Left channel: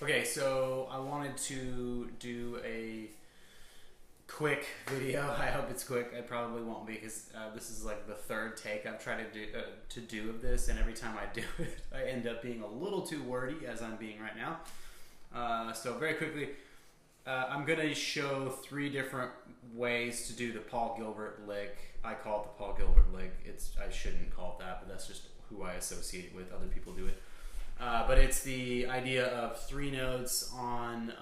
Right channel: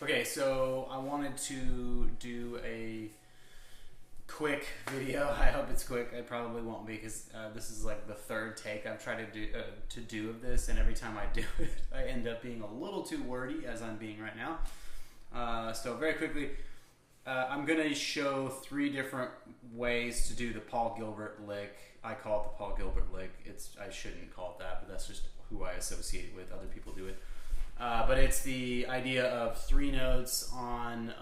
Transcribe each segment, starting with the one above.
Okay, so I wanted to do a quick video. I hope it's quick. I probably won't be because this is like the third take I've tried to do of this, and every time I do it, I end up being a little too wordy, as I'm being right now. So very quickly, I'm going to show 3 different ways to do the Paul Gilbert lick. I call it the Paul Gilbert lick. I shouldn't call it that, but that's just who I associate it with. Other people do it. But it's the idea of 3 notes on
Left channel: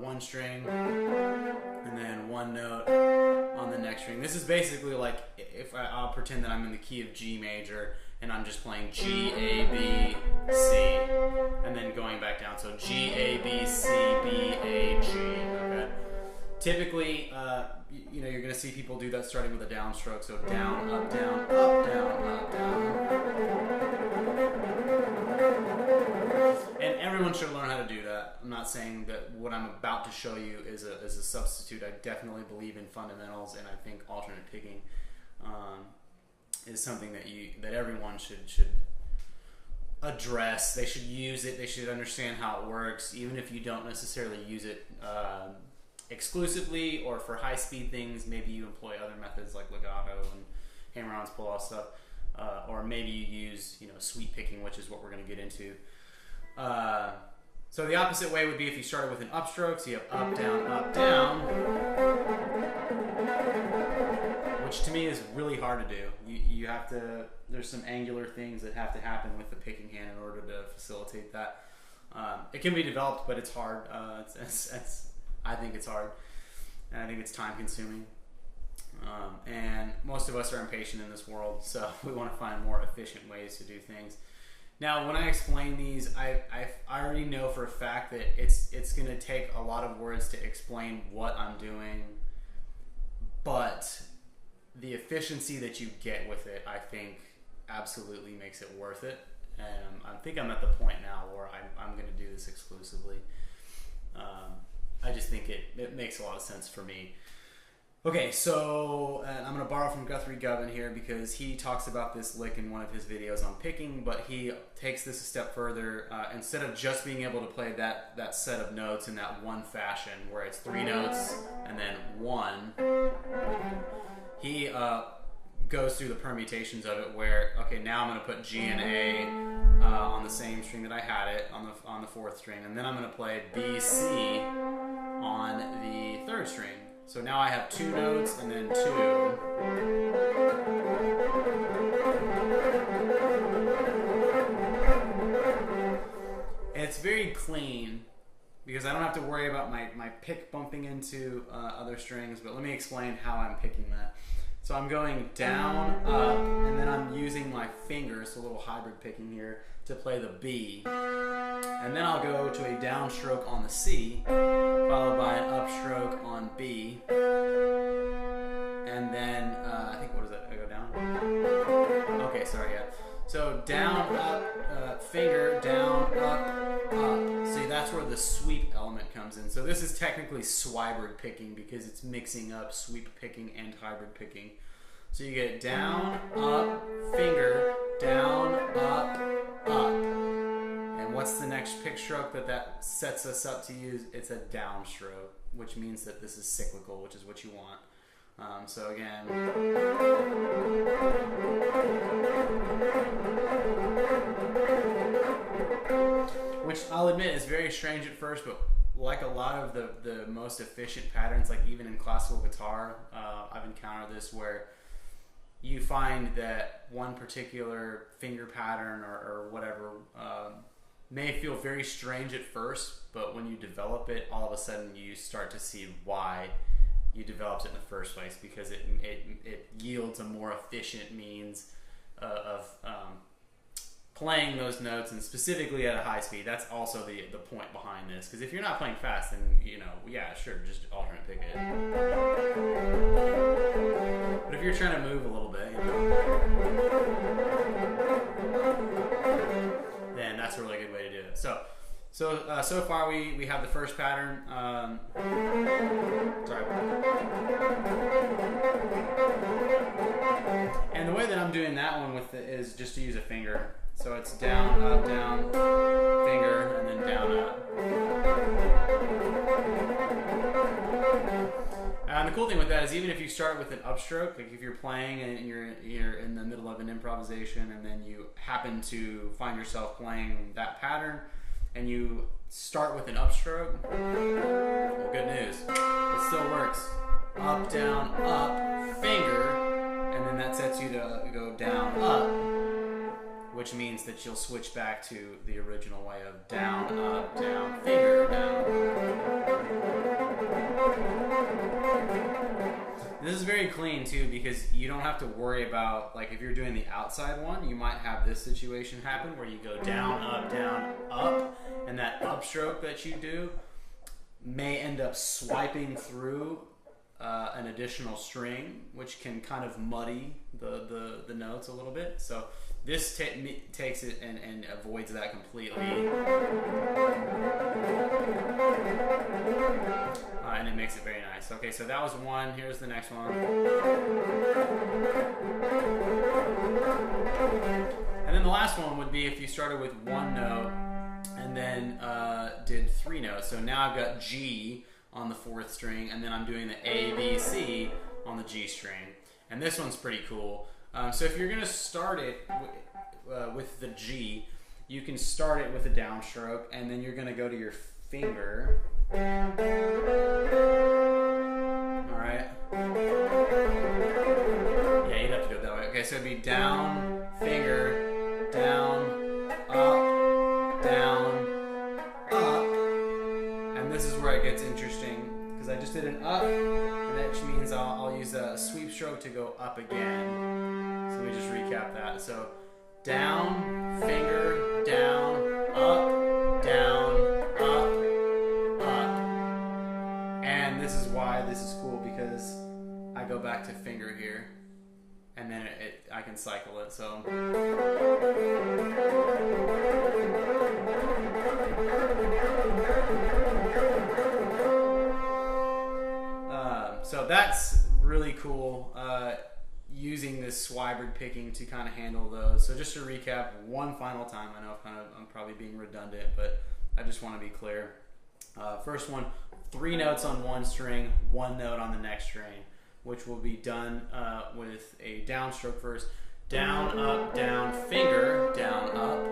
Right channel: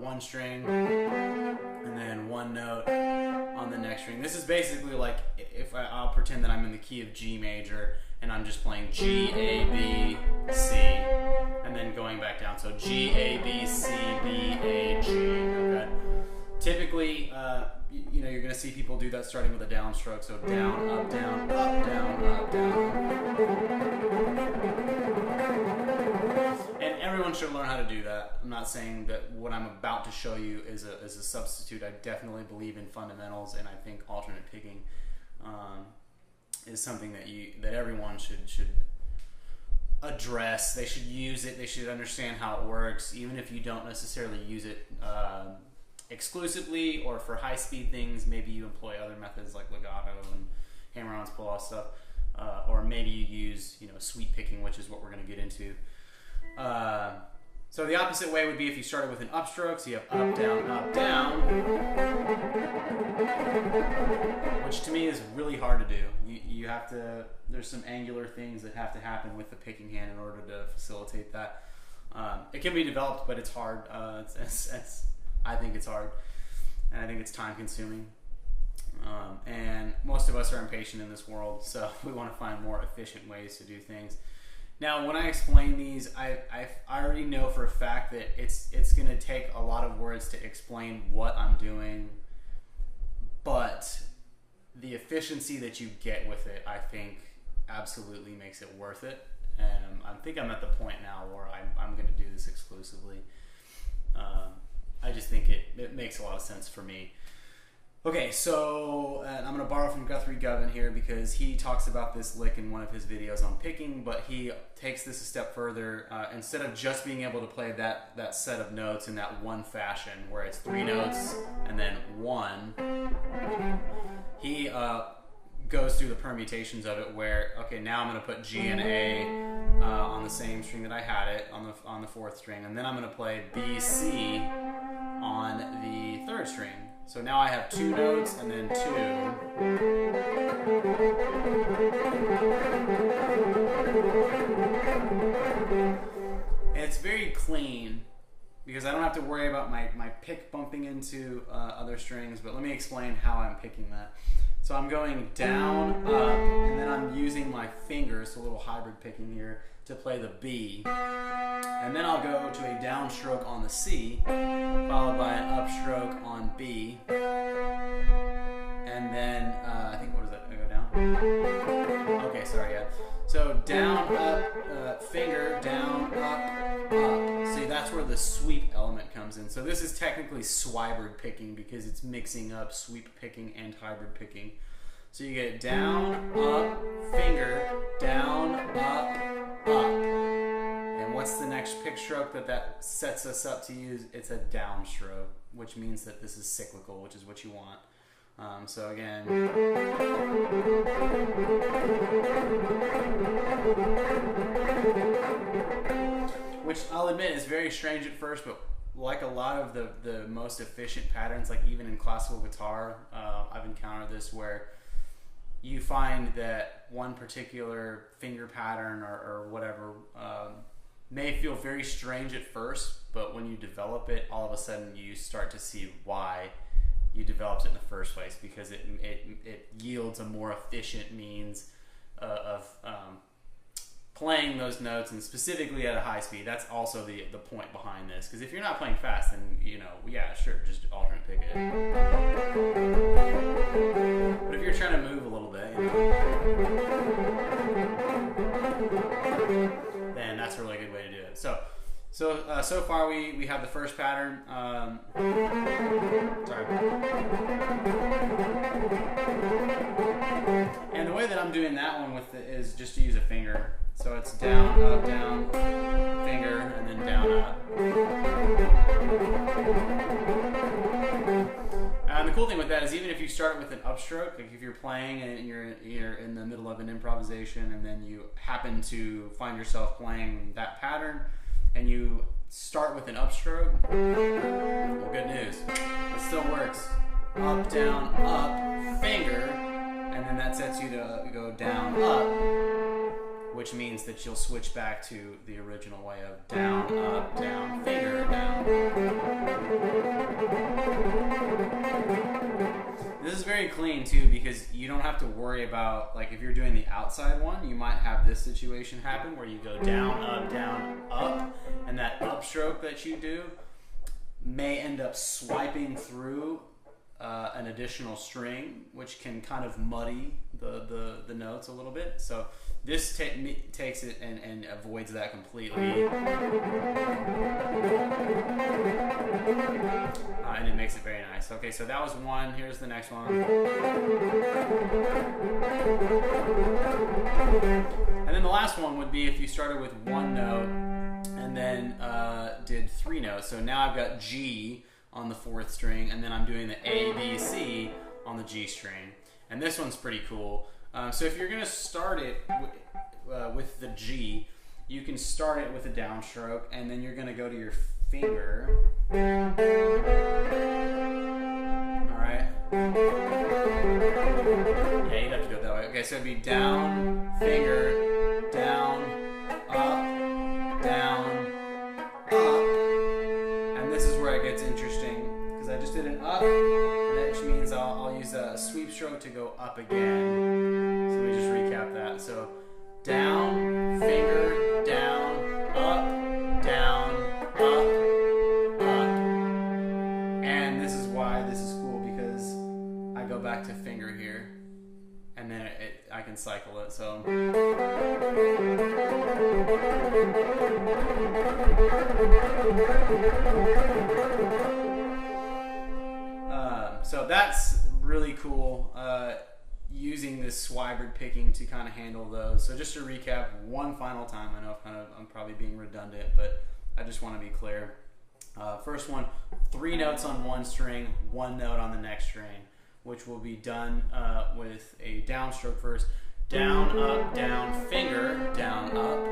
one string and then 1 note on the next string. This is basically like if I'll pretend that I'm in the key of G major and I'm just playing G, A, B, C, and then going back down. So G, A, B, C, B, A, G. Okay. Typically, you're going to see people do that starting with a downstroke. So down, up, down, up, down, up, down. And everyone should learn how to do that. I'm not saying that what I'm about to show you is a substitute. I definitely believe in fundamentals, and I think alternate picking is something that everyone should address. They should use it. They should understand how it works, even if you don't necessarily use it exclusively or for high-speed things. Maybe you employ other methods like legato and hammer-ons, pull-off stuff, or maybe you use sweep picking, which is what we're going to get into. So the opposite way would be if you started with an upstroke. So you have up, down, which to me is really hard to do. You have to, there's some angular things that have to happen with the picking hand in order to facilitate that. It can be developed, but it's hard. I think it's hard, and I think it's time consuming. And most of us are impatient in this world, so we want to find more efficient ways to do things. Now, when I explain these, I already know for a fact that it's going to take a lot of words to explain what I'm doing, but the efficiency that you get with it, I think, absolutely makes it worth it. And I think I'm at the point now where I'm going to do this exclusively. I just think it makes a lot of sense for me. Okay, so I'm going to borrow from Guthrie Govan here because he talks about this lick in one of his videos on picking, but he takes this a step further. Instead of just being able to play that set of notes in that one fashion where it's 3 notes and then 1, he goes through the permutations of it where, okay, now I'm going to put G and A on the same string that I had it on the 4th string, and then I'm going to play B, C on the 3rd string. So now I have 2 notes and then 2. And it's very clean because I don't have to worry about my pick bumping into other strings, but let me explain how I'm picking that. So I'm going down, up, and then I'm using my fingers, so a little hybrid picking here, to play the B. And then I'll go to a downstroke on the C, followed by an upstroke on B. And then, I think, what is that? I go down? Okay, sorry, yeah. So down, up, finger, down, up. See, that's where the sweep element comes in. So this is technically Swybrid picking because it's mixing up sweep picking and hybrid picking. So you get down, up, finger, down, up. And what's the next pick stroke that sets us up to use? It's a downstroke, which means that this is cyclical, which is what you want. So again, which I'll admit is very strange at first, but like a lot of the most efficient patterns, like even in classical guitar, I've encountered this where you find that one particular finger pattern or whatever may feel very strange at first, but when you develop it, all of a sudden you start to see why you developed it in the first place, because it yields a more efficient means of playing those notes, and specifically at a high speed. That's also the point behind this, because if you're not playing fast, then yeah, sure, just alternate pick it. But if you're trying to move a little bit, then that's a really good way to do it. So far we have the first pattern. Sorry. And the way that I'm doing that one with it is just to use a finger. So it's down, up, down, finger, and then down, up. cool thing with that is even if you start with an upstroke, like if you're playing and you're in the middle of an improvisation and then you happen to find yourself playing that pattern and you start with an upstroke, well, good news, it still works. Up, down, up, finger, and then that sets you to go down, up, which means that you'll switch back to the original way of down, up, down, finger, down. This is very clean too because you don't have to worry about, like if you're doing the outside one, you might have this situation happen where you go down, up, and that upstroke that you do may end up swiping through an additional string, which can kind of muddy the notes a little bit. So this takes it and avoids that completely. And it makes it very nice. Okay, so that was one. Here's the next one. And then the last one would be if you started with one note and then did three notes. So now I've got G on the fourth string, and then I'm doing the A, B, C on the G string. And this one's pretty cool. So if you're going to start it with the G, you can start it with a downstroke, and then you're going to go to your finger. Alright. Yeah, you'd have to do it that way. Okay, so it'd be down, finger, down, up, down, up. And this is where it gets interesting, because I just did an up, and that means I'll use a sweep stroke to go up again. So let me just recap that. So down, finger, down, up, down, up, up. And this is why this is cool, because I go back to finger here, and then I can cycle it. So so that's really cool, using this Swybrid picking to kind of handle those. So just to recap one final time, I know I'm probably being redundant, but I just want to be clear. First one, three notes on one string, one note on the next string, which will be done with a downstroke first. Down, up, down, finger, down, up.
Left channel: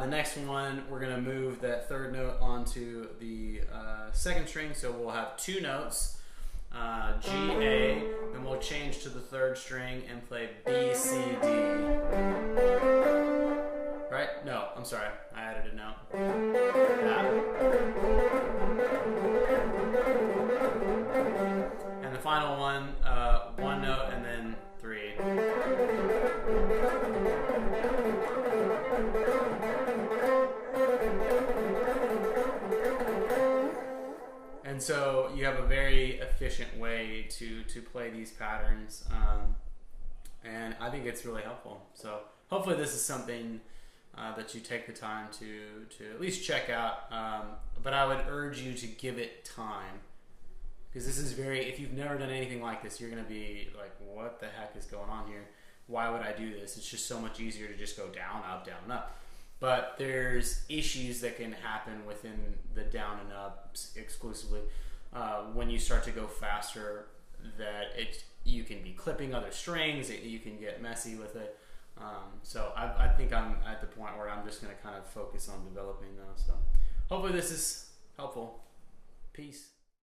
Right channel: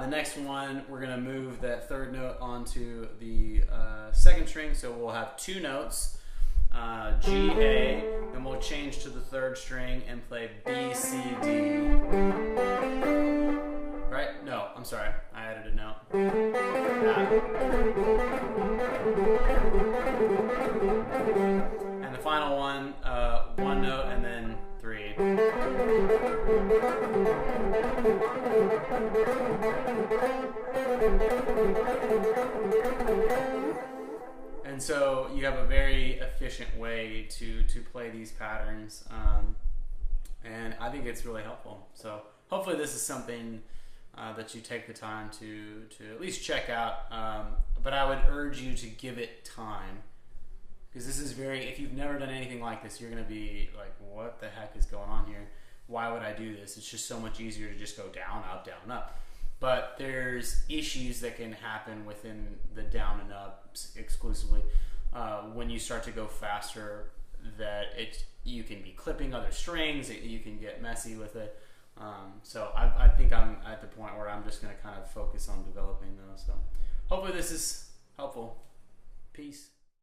The next one, we're going to move that third note onto the second string, so we'll have two notes, G, A, then we'll change to the third string and play B, C, D. Right? No, I'm sorry, I added a note. And the final one, one note and then three. And so you have a very efficient way to play these patterns, and I think it's really helpful. So hopefully this is something that you take the time to at least check out, but I would urge you to give it time, because this is if you've never done anything like this, you're going to be like, what the heck is going on here? Why would I do this? It's just so much easier to just go down, up, up. But there's issues that can happen within the down and ups exclusively when you start to go faster, that you can be clipping other strings, you can get messy with it. So I think I'm at the point where I'm just going to kind of focus on developing those. So hopefully this is helpful. Peace.